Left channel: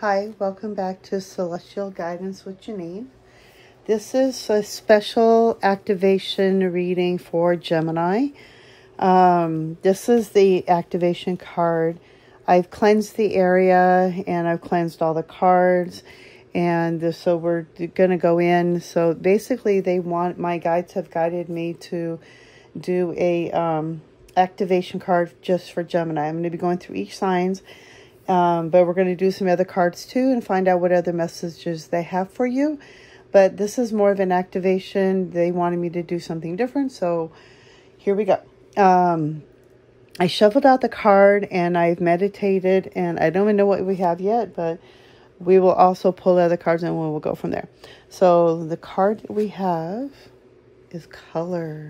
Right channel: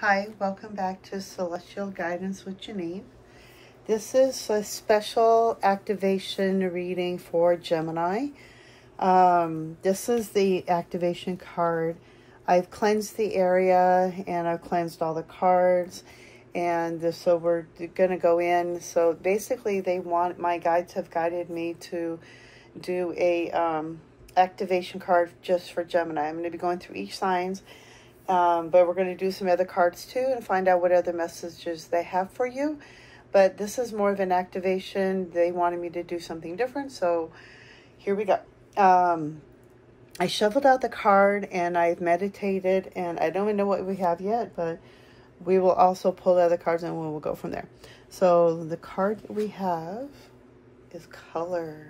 Hi, welcome back to Celestial Guidance with Jaeneen. This is a special activation reading for Gemini. This is the activation card. I've cleansed the area and I've cleansed all the cards. And so we're going to go in. So basically my guides have guided me to do a activation card just for Gemini. I'm going to be going through each signs. But we're going to do some other cards too and find out what other messages they have for you. But this is more of an activation. They wanted me to do something different, so here we go. I shuffled out the card and I've meditated, and I don't even know what we have yet, but we will also pull other cards and we'll go from there. So the card that we have is color.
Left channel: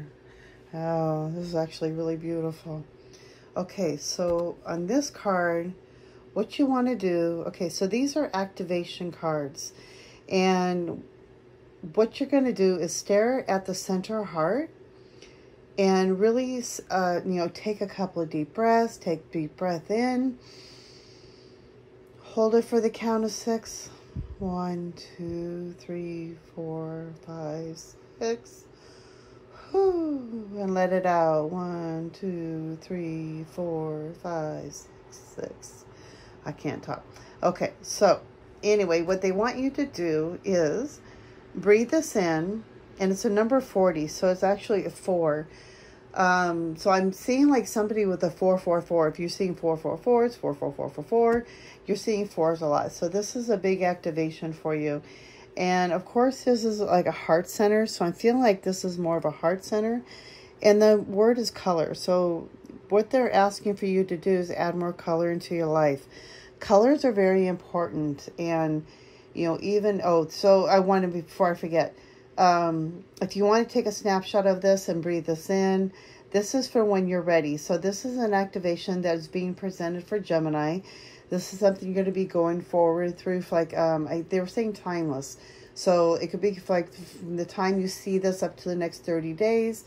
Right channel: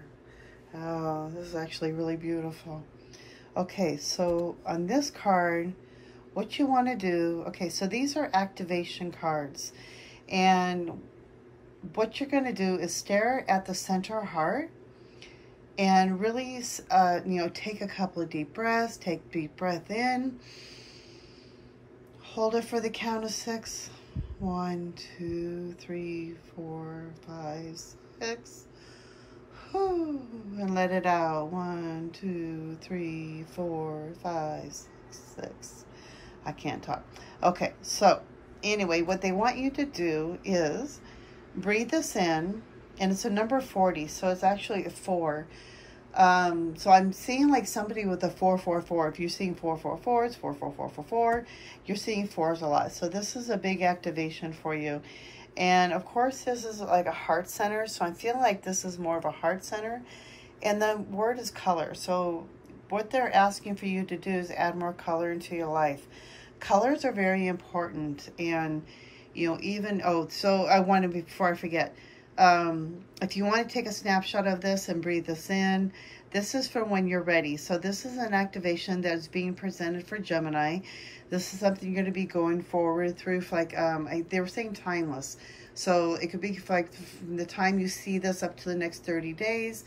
Oh, this is actually really beautiful. Okay, so on this card, what you want to do, okay, so these are activation cards, and what you're going to do is stare at the center heart and really, take a couple of deep breaths. Take deep breath in, hold it for the count of 6. 1, 2, 3, 4, 5, 6. And let it out. 1, 2, 3, 4, 5, 6. I can't talk. Okay, so anyway, what they want you to do is breathe this in, and it's a number 40, so it's actually a 4. So I'm seeing like somebody with a 444. If you're seeing 444, it's 44444. You're seeing 4s a lot. So this is a big activation for you. And of course, this is like a heart center. So I'm feeling like this is more of a heart center. And the word is color. So what they're asking for you to do is add more color into your life. Colors are very important. And, so I want to, before I forget, if you want to take a snapshot of this and breathe this in, this is for when you're ready. So this is an activation that is being presented for Gemini. This is something you're going to be going forward through, like, they were saying timeless. So it could be like from the time you see this up to the next 30 days.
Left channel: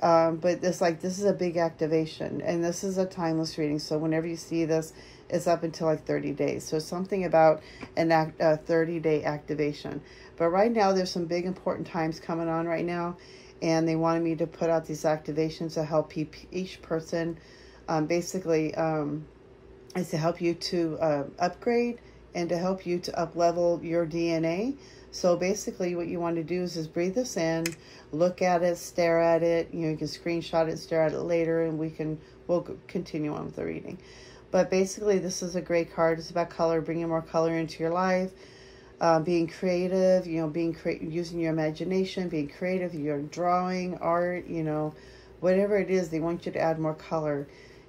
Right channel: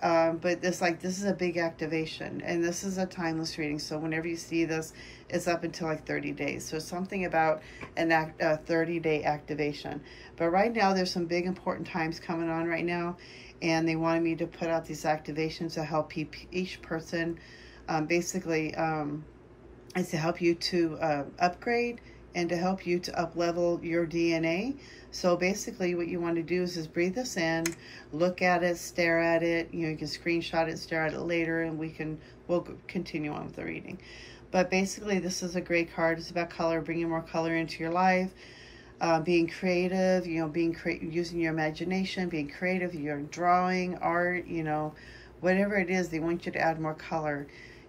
But this is a big activation, and this is a timeless reading. So whenever you see this, it's up until like 30 days. So something about a 30-day activation. But right now, there's some big important times coming on right now, and they wanted me to put out these activations to help each person. Basically, is to help you to upgrade and to help you to up-level your DNA. So basically what you want to do is breathe this in, look at it, stare at it. You can screenshot it, stare at it later, and we'll continue on with the reading. But basically, this is a great card. It's about color, bringing more color into your life, being creative, using your imagination, being creative, you're drawing, art, whatever it is, they want you to add more color.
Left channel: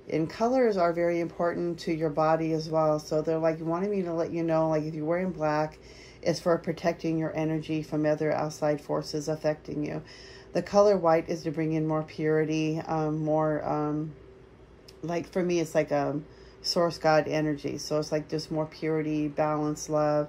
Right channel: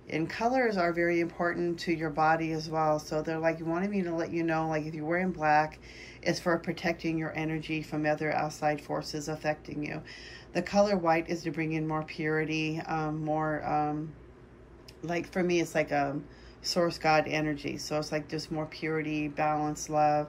And colors are very important to your body as well. So they're like wanting me to let you know, like if you're wearing black, it's for protecting your energy from other outside forces affecting you. The color white is to bring in more purity, like for me, it's like source God energy. So it's like just more purity, balance, love.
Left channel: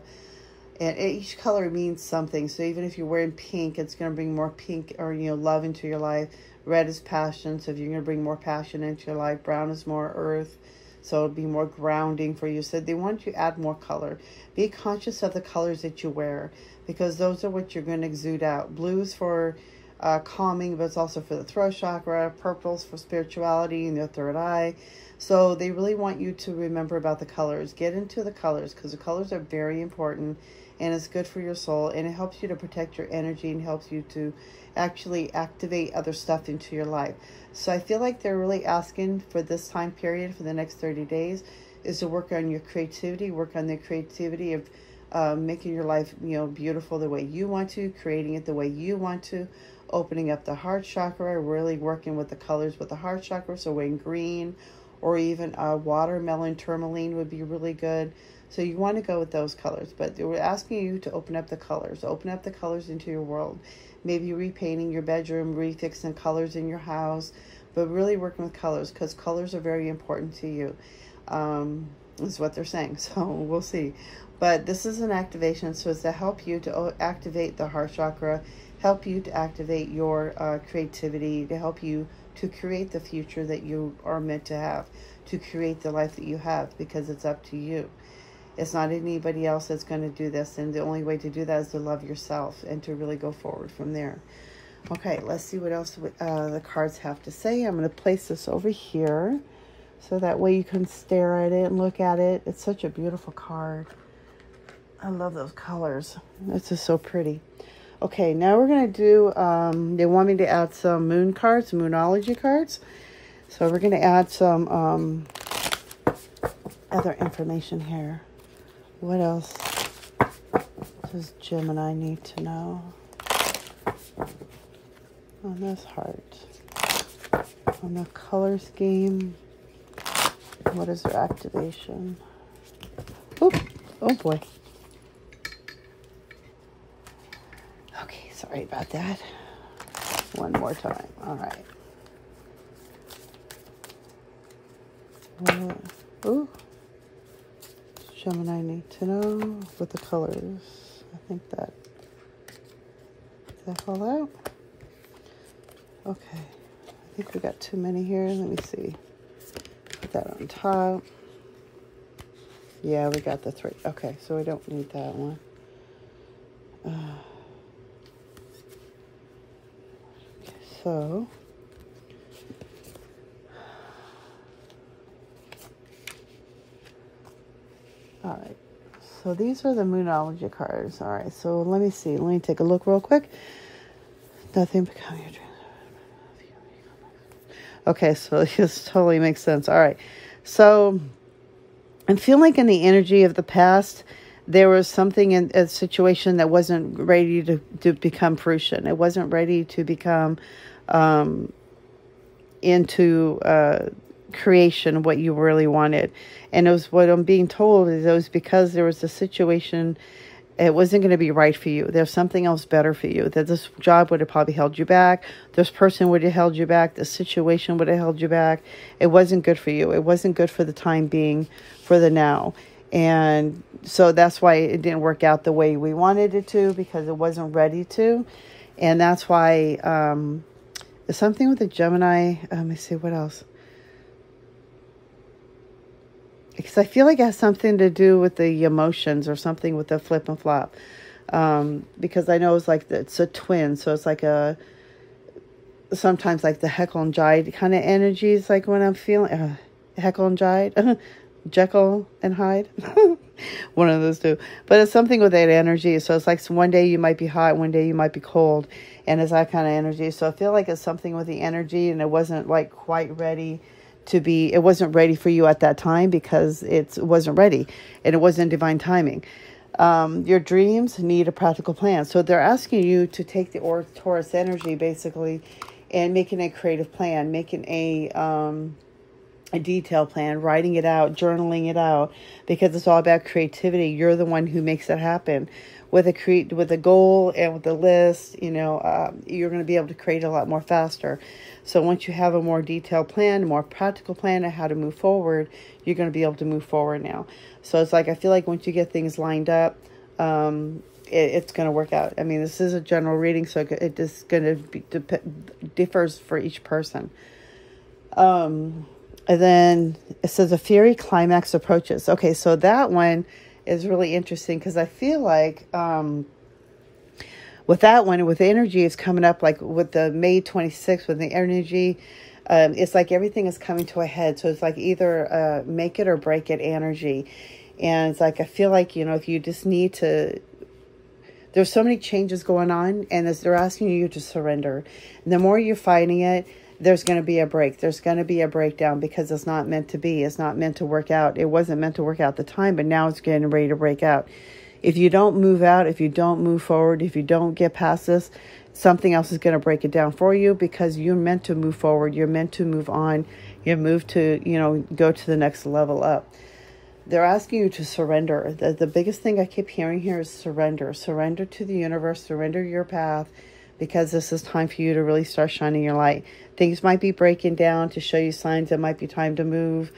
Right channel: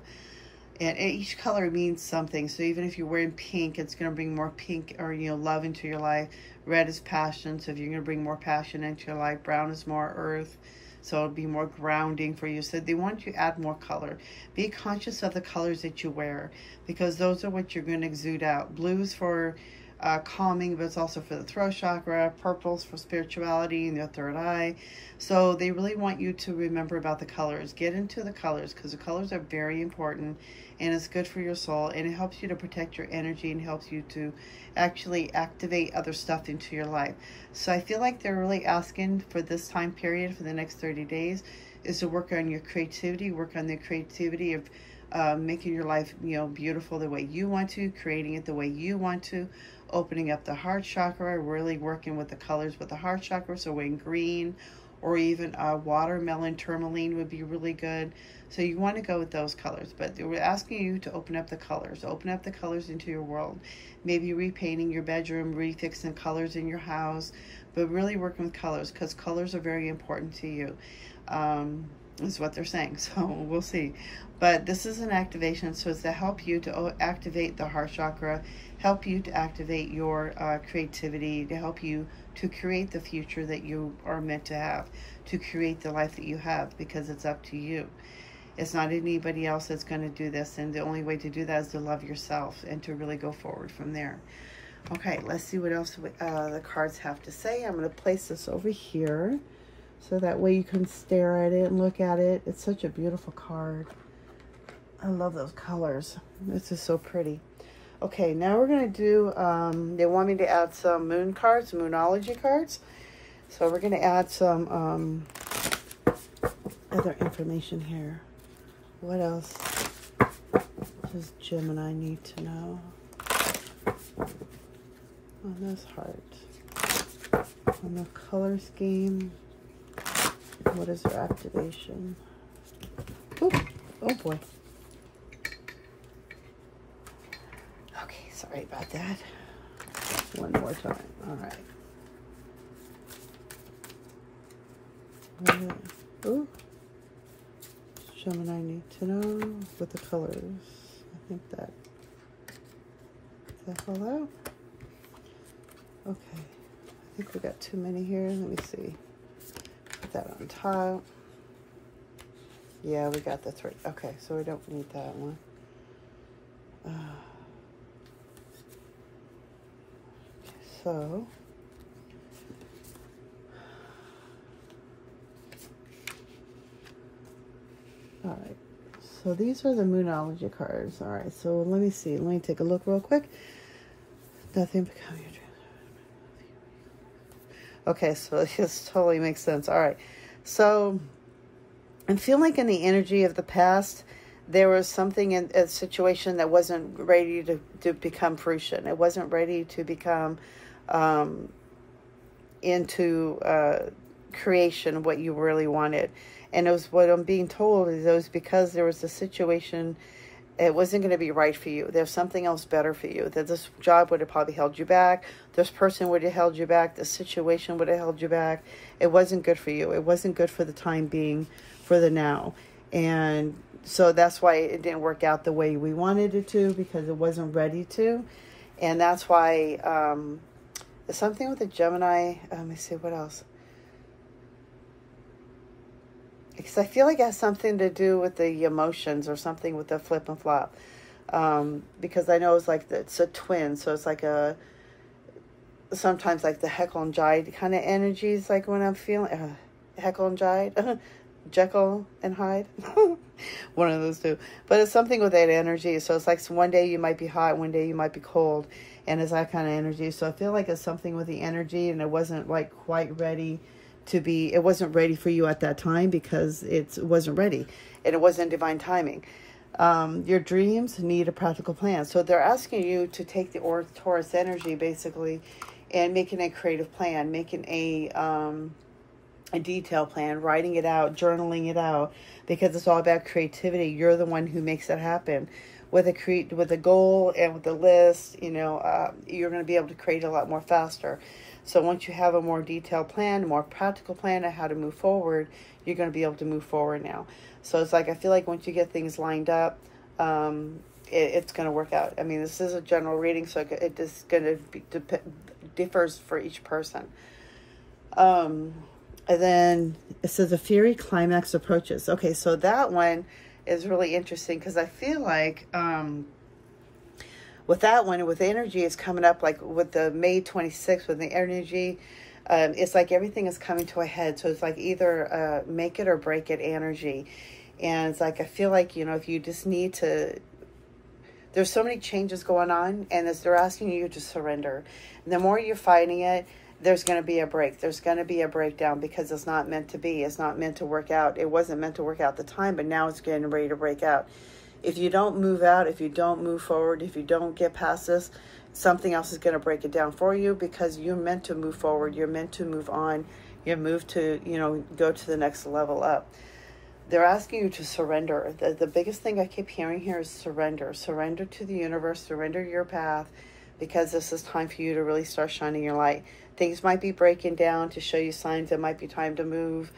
And each color means something. So even if you're wearing pink, it's going to bring more pink or, love into your life. Red is passion. So if you're going to bring more passion into your life, brown is more earth. So it'll be more grounding for you. So they want you to add more color. Be conscious of the colors that you wear, because those are what you're going to exude out. Blues for calming, but it's also for the throat chakra. Purples for spirituality and the third eye. So they really want you to remember about the colors. Get into the colors, because the colors are very important, and it's good for your soul, and it helps you to protect your energy and helps you to actually activate other stuff into your life. So I feel like they're really asking for this time period, for the next 30 days, is to work on your creativity, work on the creativity of making your life, beautiful the way you want to, creating it the way you want to, opening up the heart chakra, really working with the colors with the heart chakra. So wearing green or even watermelon tourmaline would be really good. So you want to go with those colors, but they were asking you to open up the colors into your world. Maybe repainting your bedroom, refixing colors in your house, but really working with colors, because colors are very important to you, is what they're saying. So we'll see. But this is an activation, so it's to help you to activate the heart chakra, help you to activate your creativity, to help you to create the future that you are meant to have, to create the life that you have, because it's up to you. It's not anybody else that's going to do this. And the only way to do that is to love yourself and to really go forward from there. Okay, let's see what else the cards have to say. I'm going to place this over here so that way you can stare at it and look at it. It's such a beautiful card. I love those colors. It's just so pretty. Okay, now we're going to do, they want me to add some moon cards, Moonology cards. So we're going to add some other information here. What else does Gemini need to know? On this heart. On the color scheme. What is their activation? Oop. Oh boy. Okay, sorry about that. One more time. All right. Ooh. Gemini need to know with the colors. I think that. Is that all out? Okay. I think we got too many here. Let me see. Put that on top. Yeah, we got the 3. Okay, so I don't need that one. So. All right, so these are the Moonology cards. All right, so let me see. Let me take a look real quick. Nothing becoming your dream. Okay, so this totally makes sense. All right, so I'm feeling like in the energy of the past, there was something in a situation that wasn't ready to become fruition. It wasn't ready to become into creation, what you really wanted. And it was, what I'm being told is it was because there was a situation, it wasn't going to be right for you. There's something else better for you. That this job would have probably held you back. This person would have held you back. The situation would have held you back. It wasn't good for you. It wasn't good for the time being, for the now. And so that's why it didn't work out the way we wanted it to, because it wasn't ready to. And that's why something with the Gemini. Let me see what else. Because I feel like it has something to do with the emotions or something with the flip and flop. Because I know it's like, it's a twin. So it's like sometimes like the Heckle and Hyde kind of energies, like when I'm feeling, Heckle and Hyde, Jekyll and Hyde. One of those two. But it's something with that energy. So it's like one day you might be hot, one day you might be cold. And it's that kind of energy. So I feel like it's something with the energy, and it wasn't like quite ready to be, it wasn't ready for you at that time because it wasn't ready and it wasn't divine timing. Your dreams need a practical plan. So they're asking you to take the Taurus energy basically and making a creative plan, making a detailed plan, writing it out, journaling it out, because it's all about creativity. You're the one who makes it happen. With a goal and with a list, you know, you're going to be able to create a lot more faster. So once you have a more detailed plan, a more practical plan of how to move forward, you're going to be able to move forward now. So it's like, I feel like once you get things lined up, it's going to work out. I mean, this is a general reading, so it is going to be differs for each person. And then it says a fiery climax approaches. Okay, so that one is really interesting because I feel like with that one, with the energy is coming up, like with the May 26th, with the energy, it's like everything is coming to a head. So it's like either make it or break it energy. And it's like, I feel like, you know, if you just need to, there's so many changes going on, and as they're asking you to surrender. And the more you're fighting it, there's going to be a break. There's going to be a breakdown because it's not meant to be. It's not meant to work out. It wasn't meant to work out at the time, but now it's getting ready to break out. If you don't move out, if you don't move forward, if you don't get past this, something else is going to break it down for you, because you're meant to move forward. You're meant to move on. You're moved to, you know, go to the next level up. They're asking you to surrender. The biggest thing I keep hearing here is surrender. Surrender to the universe. Surrender your path, because this is time for you to really start shining your light. Things might be breaking down to show you signs it might be time to move,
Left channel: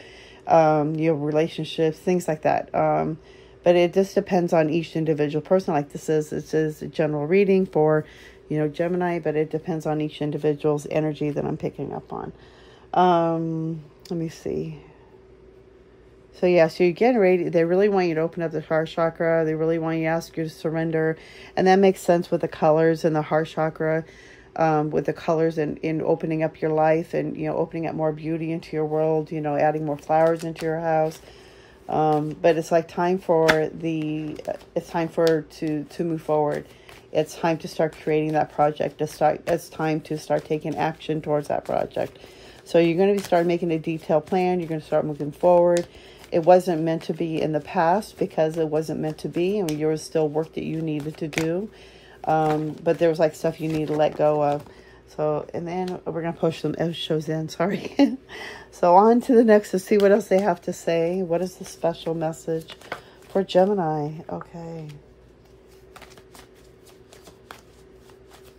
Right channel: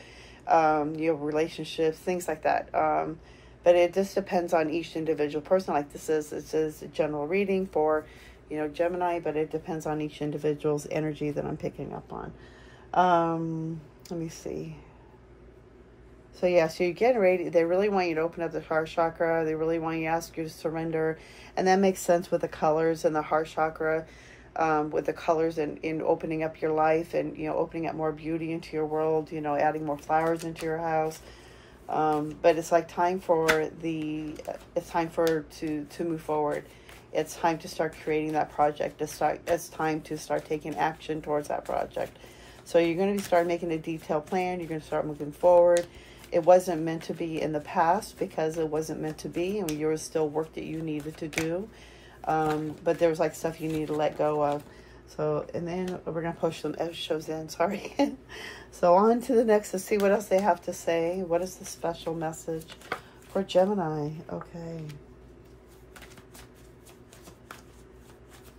your relationships, things like that. But it just depends on each individual person. Like this is a general reading for, you know, Gemini, but it depends on each individual's energy that I'm picking up on. Let me see. So yeah, so you're getting ready. They really want you to open up the heart chakra. They really want you to ask you to surrender. And that makes sense with the colors in the heart chakra, with the colors in opening up your life and, you know, opening up more beauty into your world, you know, adding more flowers into your house. But it's like time for it's time to move forward. It's time to start creating that project. It's time to start taking action towards that project. So you're going to start making a detailed plan. You're going to start moving forward. It wasn't meant to be in the past because it wasn't meant to be. I mean, there was still work that you needed to do. But there was like stuff you need to let go of. So, and then we're going to push some Oshos in, sorry. So on to the next to see what else they have to say. What is the special message for Gemini? Okay.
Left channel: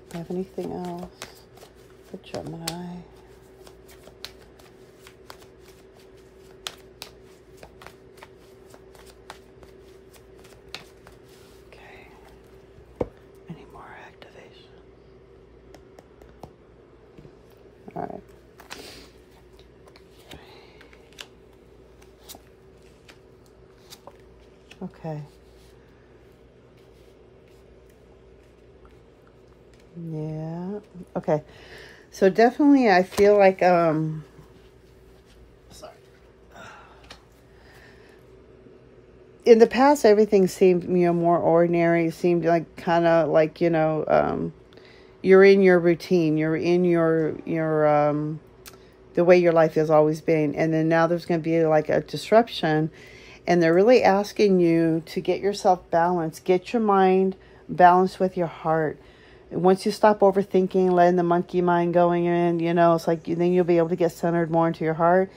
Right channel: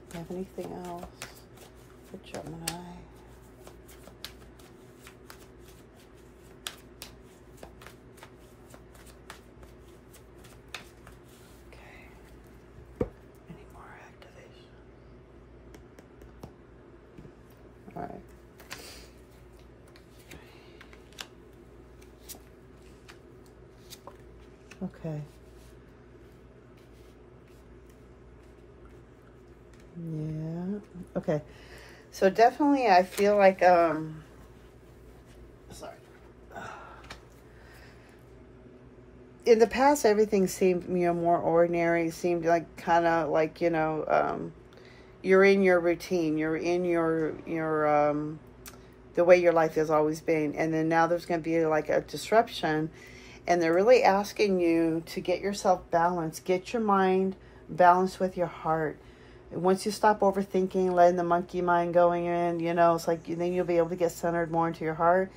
Do you have anything else for Gemini? All right. Okay. Yeah. Okay. So definitely I feel like sorry. In the past everything seemed, you know, more ordinary. It seemed like kind of like, you know, you're in your routine, you're in your the way your life has always been. And then now there's going to be like a disruption, and they're really asking you to get yourself balanced, get your mind balanced with your heart. And once you stop overthinking, letting the monkey mind going in, you know, it's like then you'll be able to get centered more into your heart,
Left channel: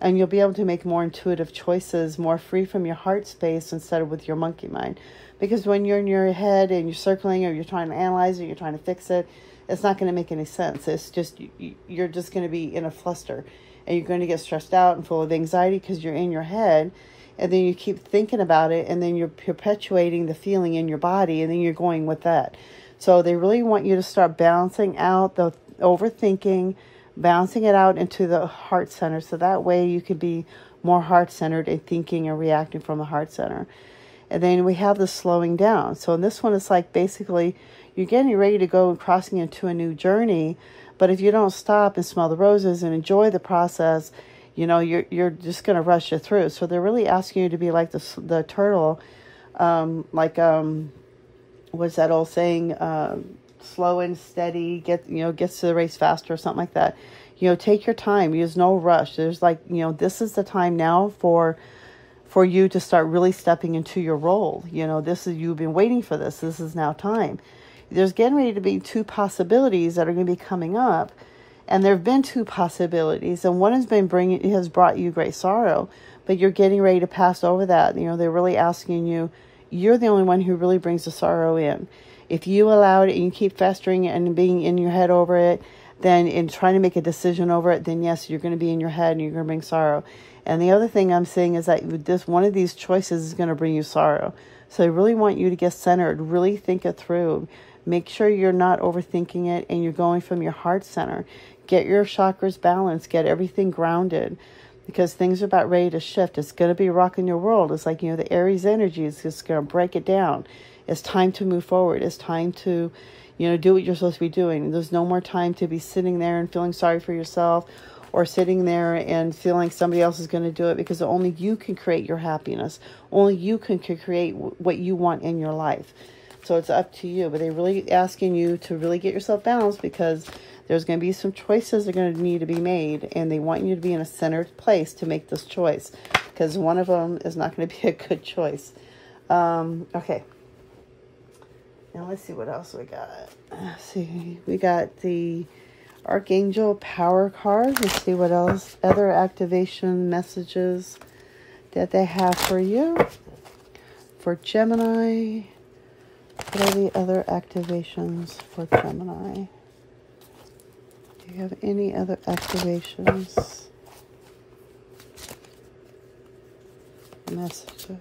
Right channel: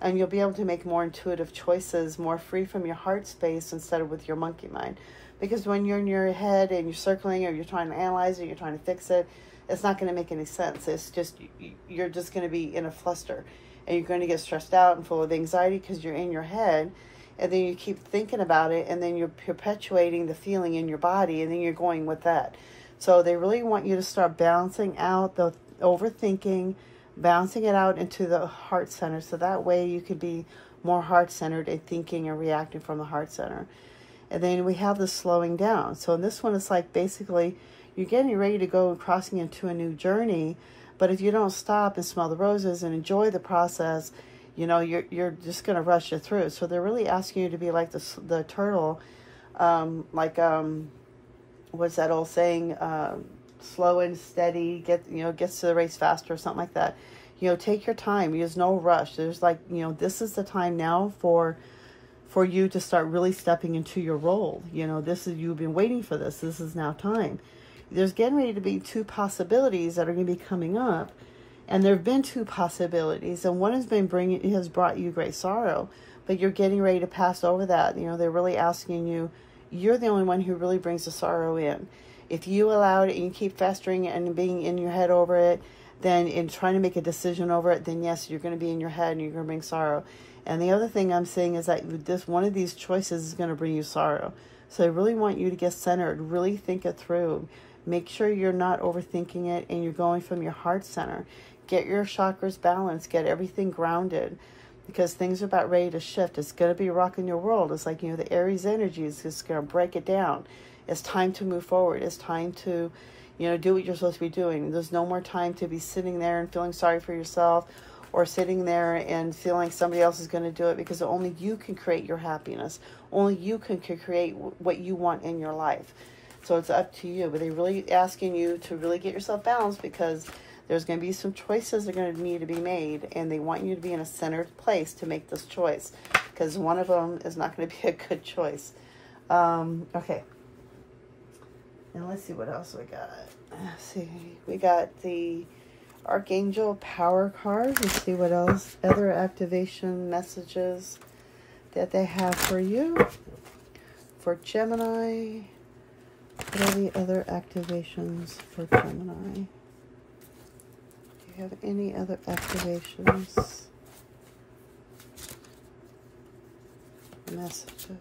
and you'll be able to make more intuitive choices, more free from your heart space instead of with your monkey mind. Because when you're in your head and you're circling, or you're trying to analyze it, you're trying to fix it, it's not going to make any sense. It's just, you're just going to be in a fluster, and you're going to get stressed out and full of anxiety because you're in your head, and then you keep thinking about it, and then you're perpetuating the feeling in your body, and then you're going with that. So they really want you to start balancing out the overthinking, balancing it out into the heart center, so that way you could be more heart-centered and thinking and reacting from the heart center. And then we have the slowing down. So in this one, it's like basically you're getting ready to go crossing into a new journey. But if you don't stop and smell the roses and enjoy the process, you know, you're just going to rush it through. So they're really asking you to be like the turtle, what's that old saying? Slow and steady, gets to the race faster or something like that. You know, take your time. Use no rush. There's like, you know, this is the time now for you to start really stepping into your role. You know, you've been waiting for this. This is now time. There's getting ready to be two possibilities that are going to be coming up. And there have been two possibilities. And one has brought you great sorrow. But you're getting ready to pass over that. You know, they're really asking you, you're the only one who really brings the sorrow in. If you allow it and you keep festering and being in your head over it, then in trying to make a decision over it, then yes, you're going to be in your head and you're going to bring sorrow. And the other thing I'm saying is that one of these choices is going to bring you sorrow. So I really want you to get centered, really think it through. Make sure you're not overthinking it and you're going from your heart center. Get your chakras balanced, get everything grounded, because things are about ready to shift. It's going to be rocking your world. It's like, you know, the Aries energy is just going to break it down. It's time to move forward. It's time to, you know, do what you're supposed to be doing. There's no more time to be sitting there and feeling sorry for yourself, or sitting there and feeling like somebody else is going to do it, because only you can create your happiness. Only you can create what you want in your life. So it's up to you. But they're really asking you to really get yourself balanced, because there's going to be some choices that are going to need to be made. And they want you to be in a centered place to make this choice, because one of them is not going to be a good choice. Okay. Now let's see what else we got. Let's see. We got the Archangel Power card. Let's see what else. Other activation messages that they have for you. For Gemini. What are the other activations for Gemini? Do you have any other activations? Messages.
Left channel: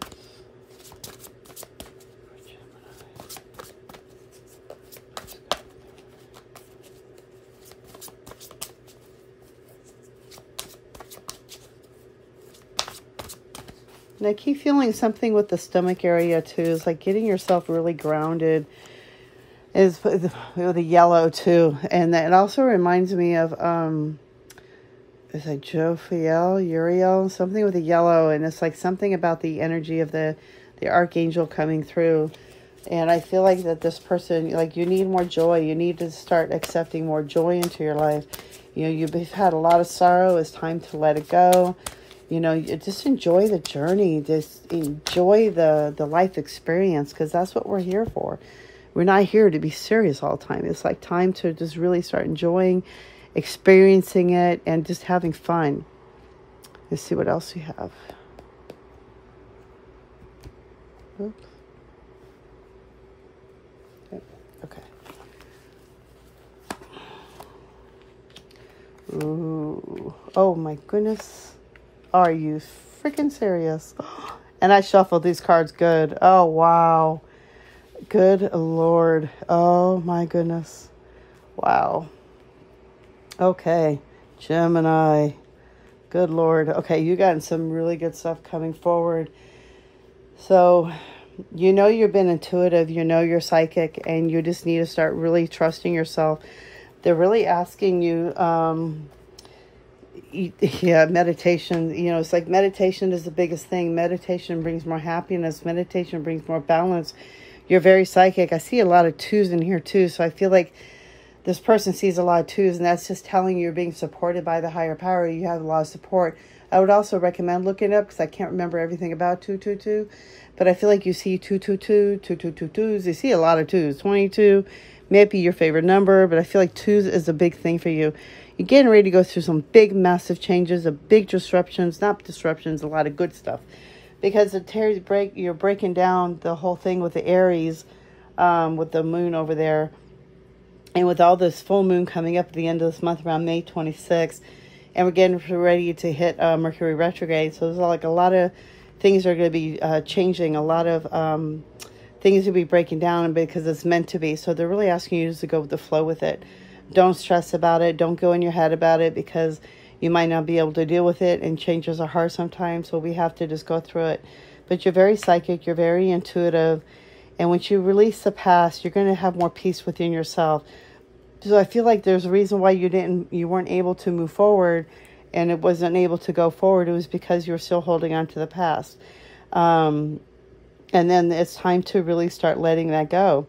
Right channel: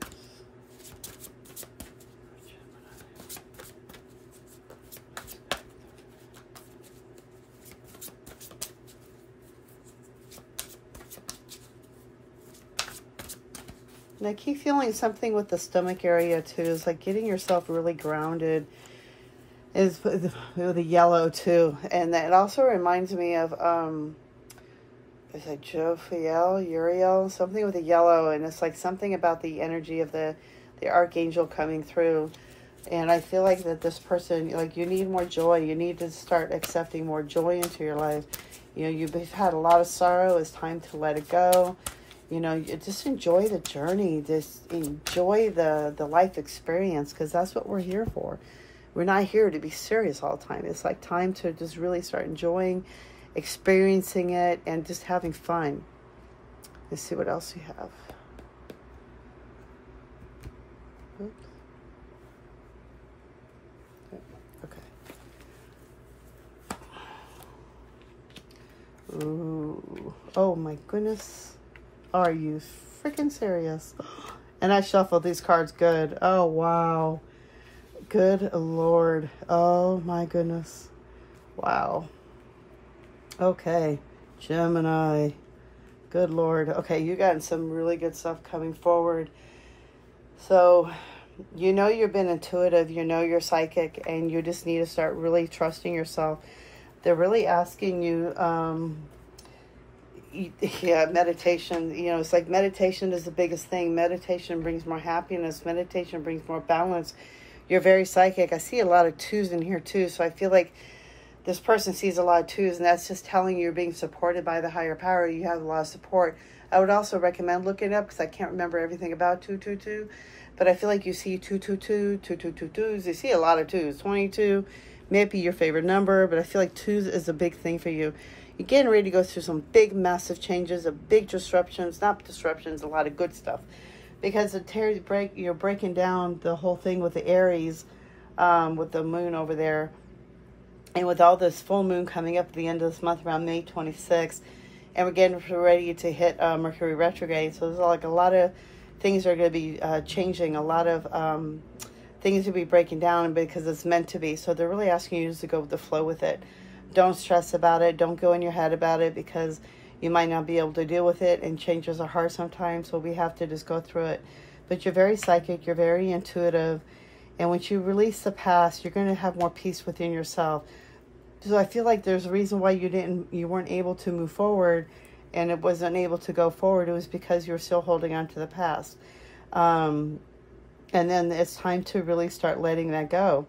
And I keep feeling something with the stomach area too. It's like getting yourself really grounded. Is with the yellow too. And it also reminds me of is it Jophiel, Uriel, something with the yellow, and it's like something about the energy of the Archangel coming through. And I feel like that this person, like, you need more joy. You need to start accepting more joy into your life. You know, you've had a lot of sorrow. It's time to let it go. You know, just enjoy the journey. Just enjoy the life experience, because that's what we're here for. We're not here to be serious all the time. It's like time to just really start enjoying, experiencing it, and just having fun. Let's see what else we have. Oops. Okay. Ooh. Oh my goodness. Are you freaking serious? And I shuffled these cards good. Oh, wow. Good Lord. Oh my goodness. Wow. Okay. Gemini. Good Lord. Okay, you got some really good stuff coming forward. So, you know you've been intuitive. You know you're psychic. And you just need to start really trusting yourself. They're really asking you... yeah, meditation. You know, it's like meditation is the biggest thing. Meditation brings more happiness. Meditation brings more balance. You're very psychic. I see a lot of twos in here too. So I feel like this person sees a lot of twos, and that's just telling you you're being supported by the higher power. You have a lot of support. I would also recommend looking up, because I can't remember everything about 222, but I feel like you see 222, 222s. You see a lot of twos. 22 may be your favorite number, but I feel like twos is a big thing for you. You're getting ready to go through some big, massive changes, big disruptions, not disruptions, a lot of good stuff. Because you're breaking down the whole thing with the Aries, with the moon over there. And with all this full moon coming up at the end of this month, around May 26th. And we're getting ready to hit Mercury retrograde. So there's like a lot of things are going to be changing. A lot of things will be breaking down because it's meant to be. So they're really asking you to go with the flow with it. Don't stress about it. Don't go in your head about it, because you might not be able to deal with it, and changes are hard sometimes, so we have to just go through it. But you're very psychic, you're very intuitive, and once you release the past, you're going to have more peace within yourself. So I feel like there's a reason why you weren't able to move forward, and it wasn't able to go forward. It was because you were still holding on to the past. And then it's time to really start letting that go.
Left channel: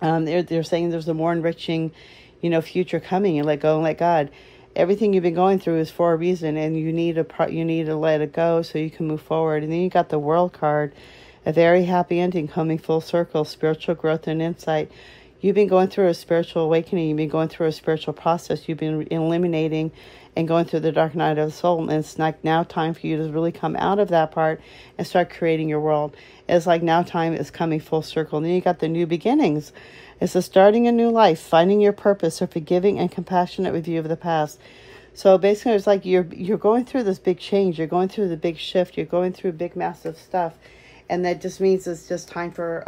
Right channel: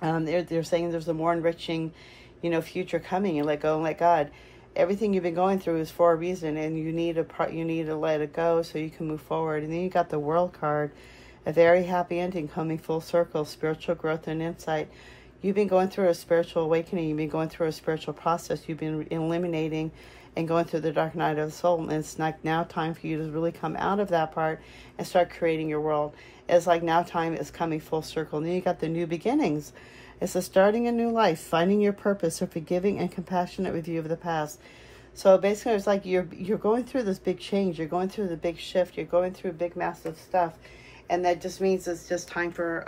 They're saying there's a more enriching, you know, future coming. You let go and let God. Everything you've been going through is for a reason, and you need to let it go so you can move forward. And then you got the World card, a very happy ending coming full circle, spiritual growth and insight. You've been going through a spiritual awakening. You've been going through a spiritual process. You've been eliminating and going through the dark night of the soul. And it's like now time for you to really come out of that part and start creating your world. It's like now time is coming full circle. And then you got the new beginnings. It's a starting a new life, finding your purpose, a forgiving and compassionate review of the past. So basically, it's like you're going through this big change. You're going through the big shift. You're going through big, massive stuff. And that just means it's just time for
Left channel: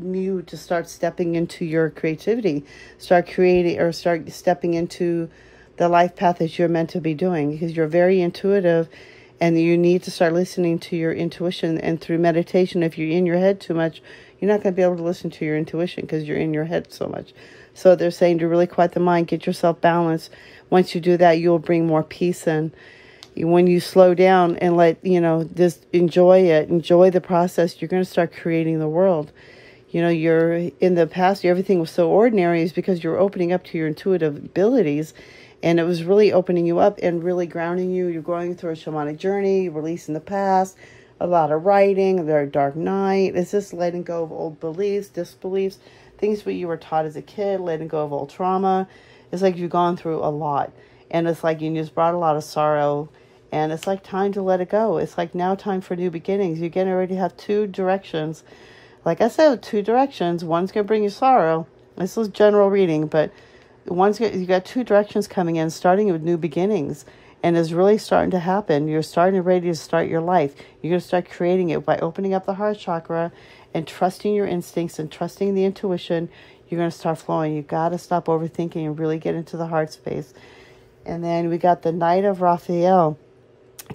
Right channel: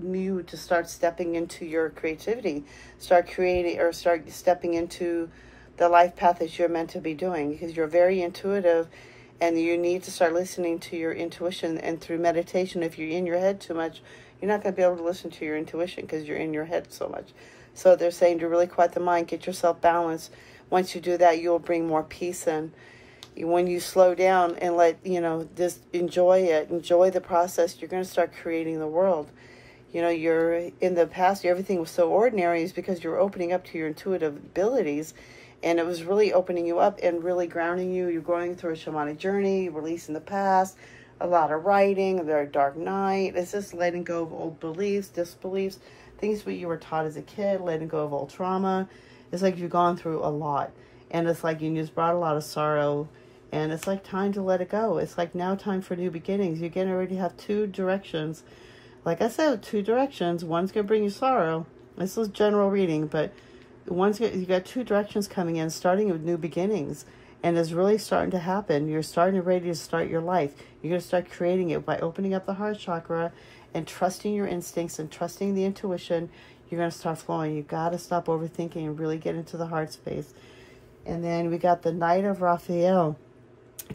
you to start stepping into your creativity. Start creating, or start stepping into the life path that you're meant to be doing. Because you're very intuitive, and you need to start listening to your intuition. And through meditation, if you're in your head too much, you're not going to be able to listen to your intuition because you're in your head so much. So they're saying to really quiet the mind, get yourself balanced. Once you do that, you'll bring more peace in. When you slow down and let, you know, just enjoy it, enjoy the process, you're going to start creating the world. You know, you're in the past, everything was so ordinary is because you're opening up to your intuitive abilities. And it was really opening you up and really grounding you. You're going through a shamanic journey, releasing the past. A lot of writing, a very dark night. It's just letting go of old beliefs, disbeliefs, things that you were taught as a kid, letting go of old trauma. It's like you've gone through a lot. And it's like you just brought a lot of sorrow. And it's like time to let it go. It's like now time for new beginnings. You're getting ready to have two directions. Like I said, two directions. One's going to bring you sorrow. This is general reading, but you got two directions coming in, starting with new beginnings. And it's really starting to happen. You're starting ready to start your life. You're going to start creating it by opening up the heart chakra and trusting your instincts and trusting the intuition. You're going to start flowing. You got to stop overthinking and really get into the heart space. And then we got the Knight of Raphael.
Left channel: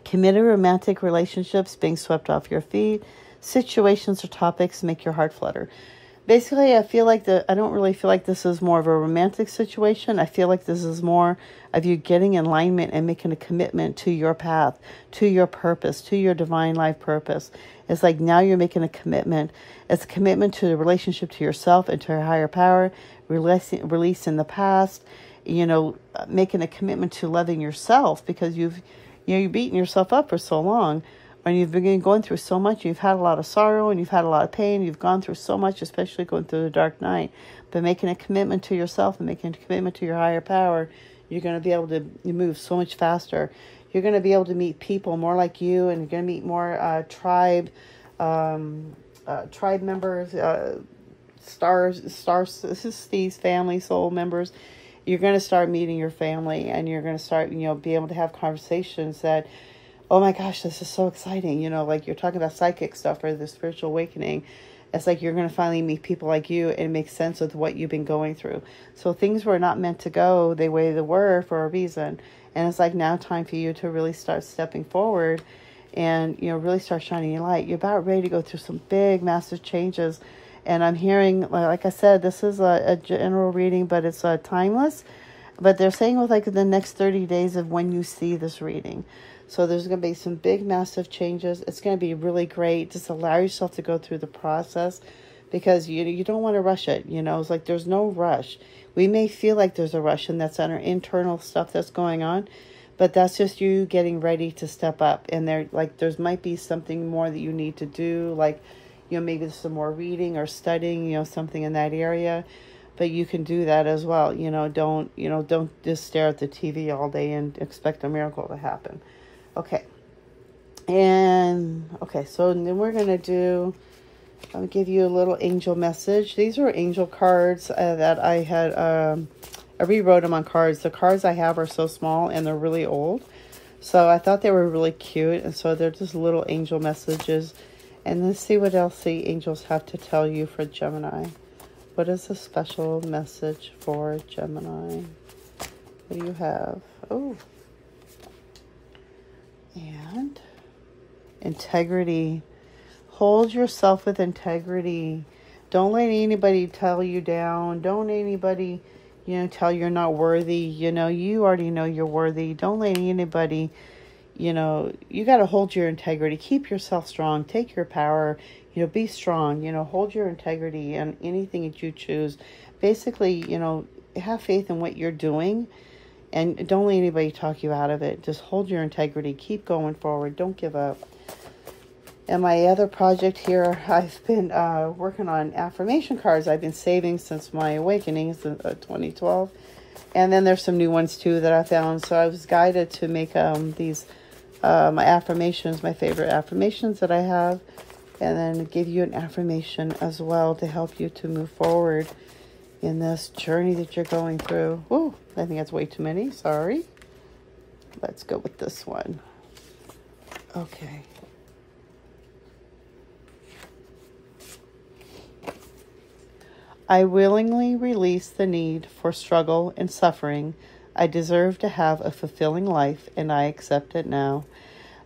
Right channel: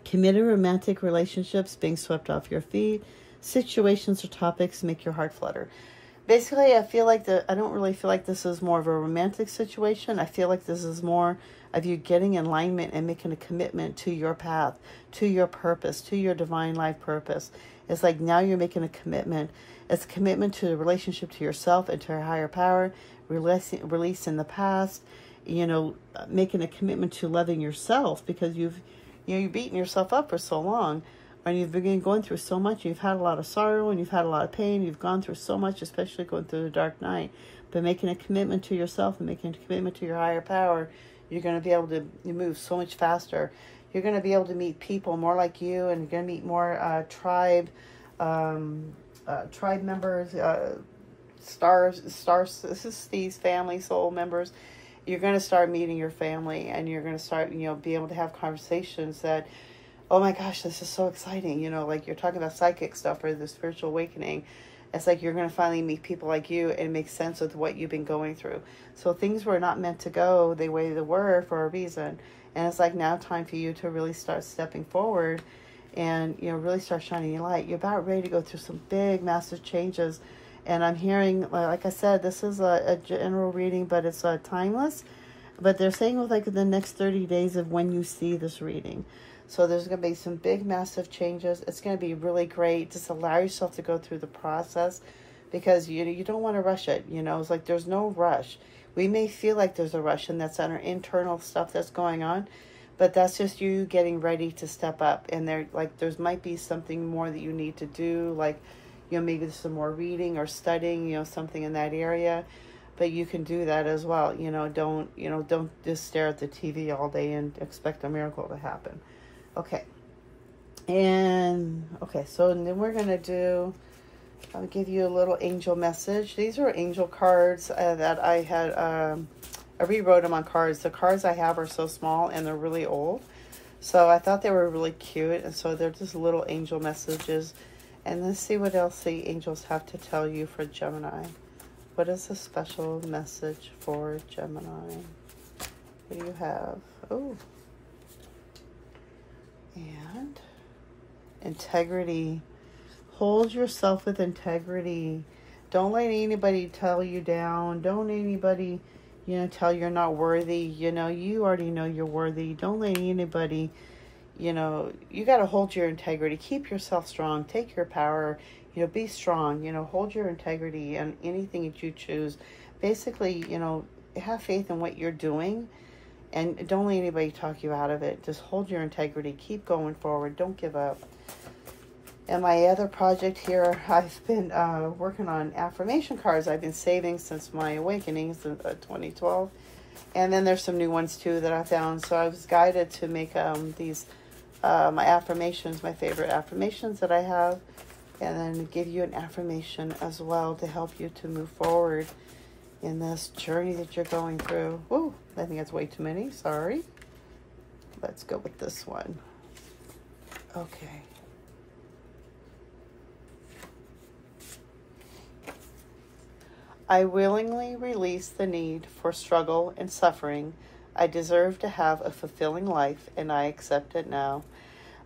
Committed romantic relationships being swept off your feet. Situations or topics make your heart flutter. Basically, I don't really feel like this is more of a romantic situation. I feel like this is more of you getting in alignment and making a commitment to your path, to your purpose, to your divine life purpose. It's like now you're making a commitment. It's a commitment to the relationship to yourself and to your higher power, releasing the past, making a commitment to loving yourself, because you've beaten yourself up for so long. And you've been going through so much. You've had a lot of sorrow and you've had a lot of pain. You've gone through so much, especially going through the dark night. But making a commitment to yourself and making a commitment to your higher power, you're going to be able to move so much faster. You're going to be able to meet people more like you, and you're going to meet more tribe members, these family soul members. You're going to start meeting your family, and you're going to start, be able to have conversations that, oh my gosh, this is so exciting. Like you're talking about psychic stuff or the spiritual awakening. It's like you're going to finally meet people like you and make sense of what you've been going through. So things were not meant to go the way they were for a reason. And it's like now time for you to really start stepping forward and, really start shining your light. You're about ready to go through some big, massive changes. And I'm hearing, like I said, this is a general reading, but it's timeless. But they're saying with like the next 30 days of when you see this reading. So there's going to be some big, massive changes. It's going to be really great. Just allow yourself to go through the process, because you don't want to rush it. It's like there's no rush. We may feel like there's a rush, and that's our internal stuff that's going on. But that's just you getting ready to step up. And there might be something more that you need to do. Like, maybe some more reading or studying, something in that area. But you can do that as well. Don't just stare at the TV all day and expect a miracle to happen. Okay. So then we're going to I'll give you a little angel message. These are angel cards that I had, I rewrote them on cards. The cards I have are so small and they're really old. So I thought they were really cute. And so they're just little angel messages. And let's see what else the angels have to tell you for Gemini. What is a special message for Gemini? What do you have? Oh. And integrity. Hold yourself with integrity. Don't let anybody tell you down. Don't let anybody, tell you're not worthy. You already know you're worthy. Don't let anybody, you got to hold your integrity. Keep yourself strong. Take your power. Be strong. Hold your integrity in anything that you choose. Basically, have faith in what you're doing. And don't let anybody talk you out of it. Just hold your integrity. Keep going forward. Don't give up. And my other project here, I've been working on affirmation cards. I've been saving since my awakening since 2012. And then there's some new ones too that I found. So I was guided to make these my affirmations, my favorite affirmations that I have. And then give you an affirmation as well to help you to move forward in this journey that you're going through. Ooh, I think that's way too many. Sorry. Let's go with this one. Okay. I willingly release the need for struggle and suffering. I deserve to have a fulfilling life, and I accept it now.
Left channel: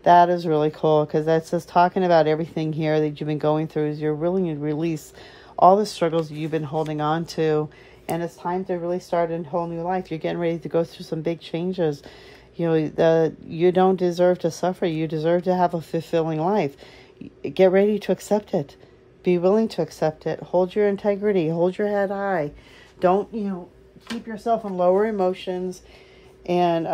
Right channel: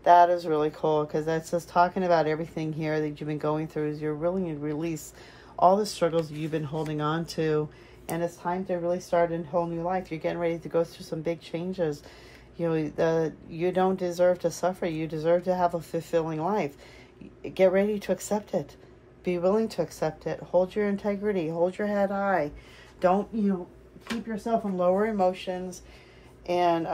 That is really cool, because that's just talking about everything here that you've been going through. Is you're willing to release all the struggles you've been holding on to, and it's time to really start a whole new life. You're getting ready to go through some big changes. You don't deserve to suffer. You deserve to have a fulfilling life. Get ready to accept it. Be willing to accept it. Hold your integrity. Hold your head high. Don't, keep yourself in lower emotions. And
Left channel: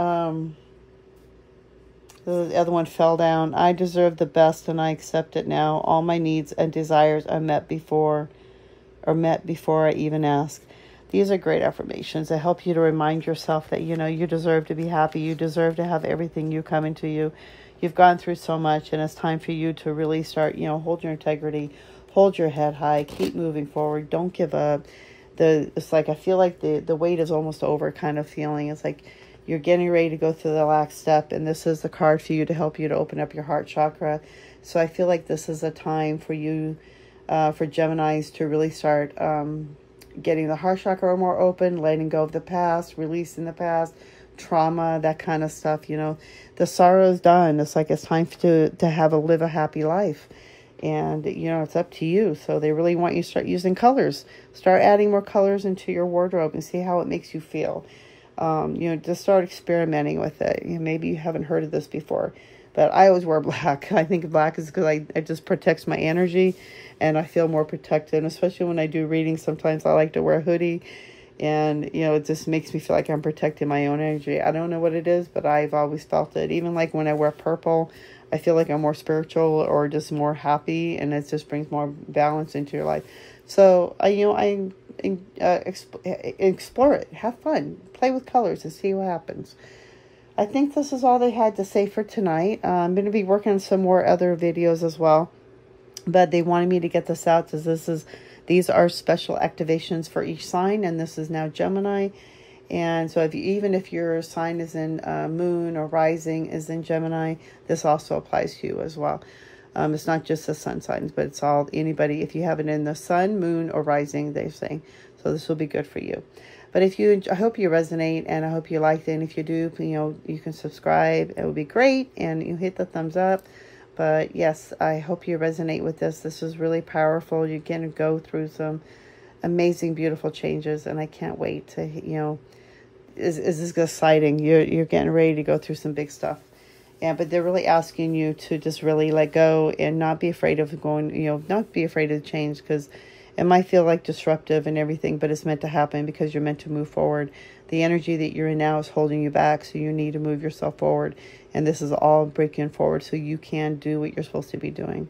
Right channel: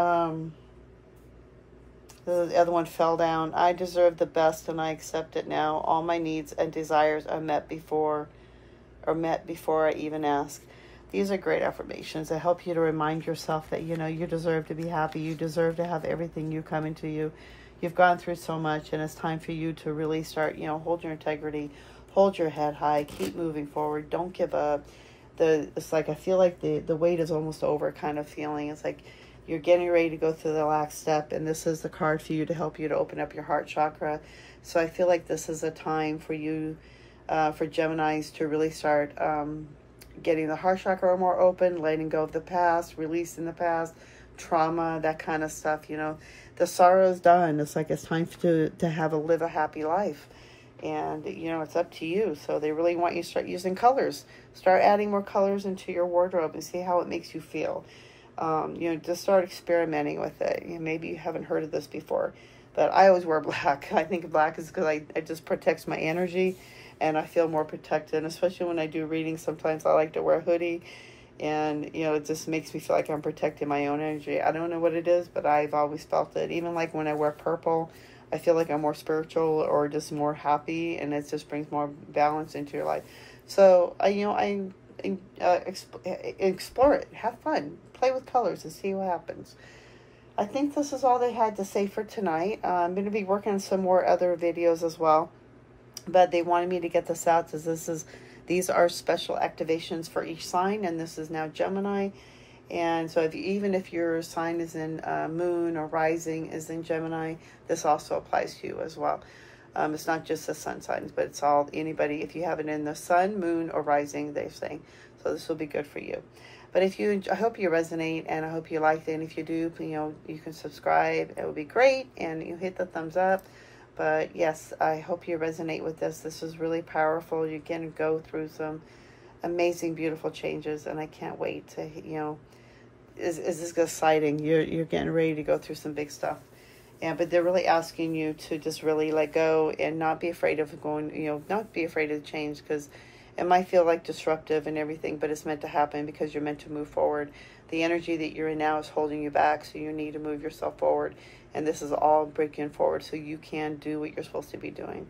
the other one fell down. I deserve the best and I accept it now. All my needs and desires are met before I even ask. These are great affirmations that help you to remind yourself that, you deserve to be happy. You deserve to have everything you come into you. You've gone through so much, and it's time for you to really start, hold your integrity, hold your head high, keep moving forward. Don't give up. It's like, I feel like the wait is almost over kind of feeling. It's like you're getting ready to go through the last step, and this is the card for you to help you to open up your heart chakra. So I feel like this is a time for you, for Geminis, to really start getting the heart chakra more open, letting go of the past, releasing the past, trauma, that kind of stuff, you know. The sorrow is done. It's like it's time to live a happy life. And, you know, it's up to you. So they really want you to start using colors. Start adding more colors into your wardrobe and see how it makes you feel. You know, just start experimenting with it. You know, maybe you haven't heard of this before, but I always wear black. I think black is because it just protects my energy, and I feel more protected. And especially when I do readings, sometimes I like to wear a hoodie, and, you know, it just makes me feel like I'm protecting my own energy. I don't know what it is, but I've always felt it. Even like when I wear purple, I feel like I'm more spiritual or just more happy, and it just brings more balance into your life. So, you know, explore it. Have fun. Play with colors and see what happens. I think this is all they had to say for tonight. I'm going to be working on some more other videos as well. But they wanted me to get this out because these are special activations for each sign, and this is now Gemini. And so even if your sign is in moon or rising is in Gemini, this also applies to you as well. It's not just the sun signs, but it's all anybody. If you have it in the sun, moon, or rising, they say. So this will be good for you. But I hope you resonate, and I hope you liked it. And if you do, you know, you can subscribe. It would be great, and you hit the thumbs up. But yes, I hope you resonate with this. This is really powerful. You're going to go through some amazing, beautiful changes, and I can't wait to, you know, is this exciting? You're getting ready to go through some big stuff. Yeah, but they're really asking you to just really let go and not be afraid of going, you know, not be afraid of change, because it might feel like disruptive and everything, but it's meant to happen because you're meant to move forward. The energy that you're in now is holding you back, so you need to move yourself forward. And this is all breaking forward so you can do what you're supposed to be doing.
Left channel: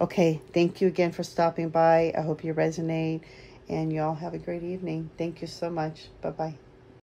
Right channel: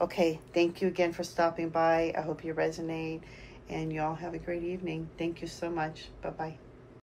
Okay, thank you again for stopping by. I hope you resonate, and y'all have a great evening. Thank you so much. Bye-bye.